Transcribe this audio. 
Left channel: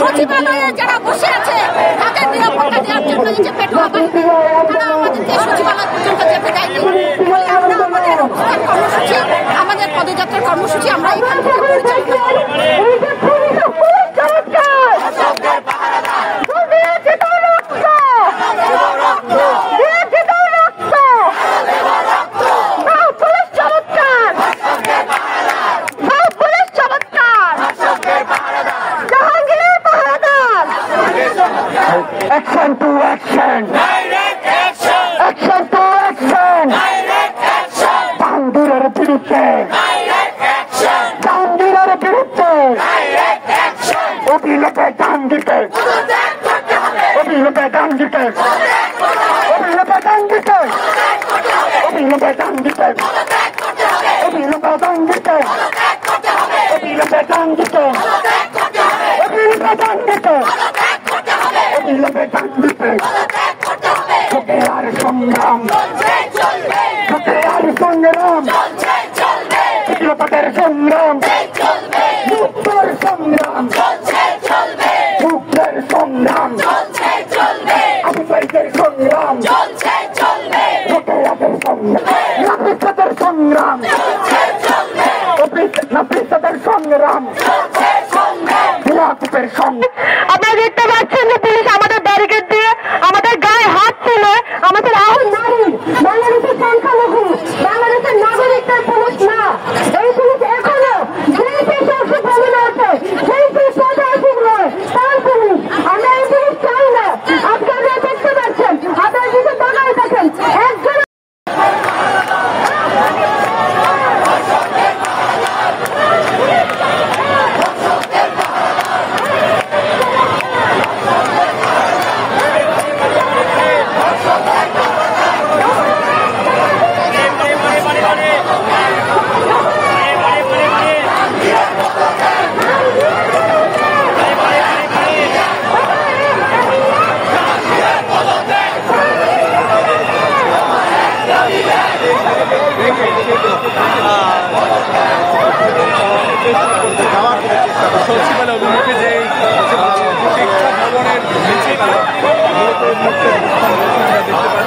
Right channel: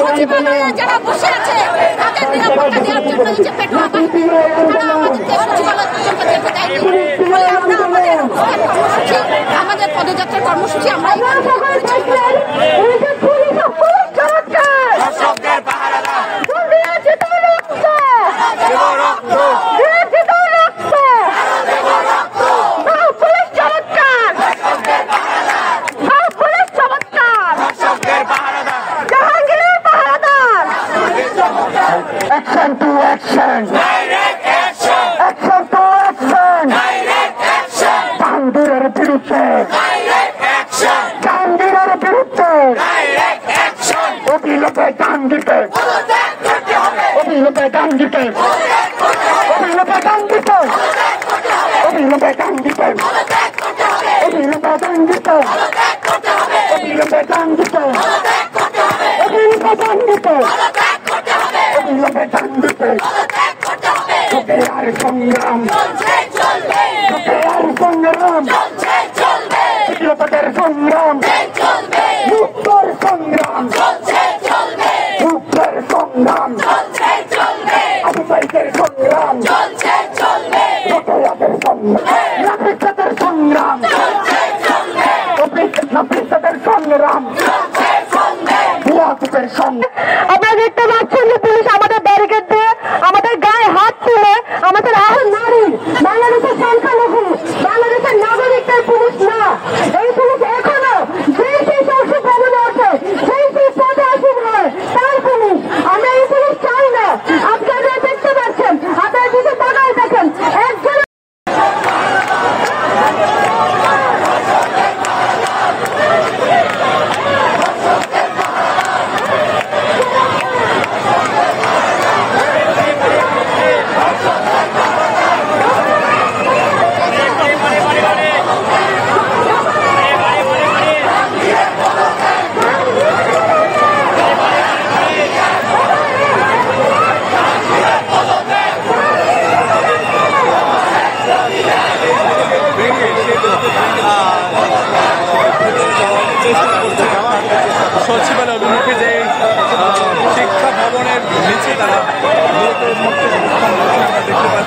সচিবালয়ে যারা বসে আছে তাদের নিরাপত্তা দেওয়ার জন্য এই যে পেটোয়া বাহিনী তারা আমাদেরকে সচিবালয় পর্যন্ত যেতে দেয়নি বলে আমরা আমাদের অবস্থান কর্মসূচি আমাদের পদযাত্রার কর্মসূচি আমরা এখান থেকে পরিচালনা করি। Action to action! Direct action! Action to action! Direct action! Bandirar biruddhe! Direct action! Bandirar biruddhe! Direct action! অবিলম্বে দান দিতে! অবিলম্বে দান দিতে! অবিলম্বে দান দিতে! অবিলম্বে দান দিতে! অবিলম্বে দান দিতে! অবিলম্বে দান দিতে! অবিলম্বে দান দিতে! অবিলম্বে দান দিতে আর সংগ্রাম আর সংগ্রাম বিপ্লবের সংগ্রাম মুক্তর সংগ্রাম মুক্তর সংগ্রাম আবু সাইদের সংগ্রাম ভোটারদের সংগ্রাম নাগরিকদের সংগ্রাম নাগরিকদের সংগ্রাম বিরাটের সংগ্রাম। আমরা দেখতে পাচ্ছেন যে পুলিশ আমাদের ব্যারিকেড দিয়ে আমাদের গায়ে হাত তুলে আমাদের আর নারী বাংলাদেশের সংখ্যালঘু বাংলাদেশের নাগরিকদের পুলিশ না, এই পুলিশ এখনো যেই সেই সংসদ ভবনে আছে সেই সেই পদে এসে তার পুলিশ। আমরা এই পুলিশ চাই না। আপনারা দেখতে পাচ্ছেন আপনারা এই মুহূর্তে অবস্থান করছে আমরা দেখতে পাচ্ছি।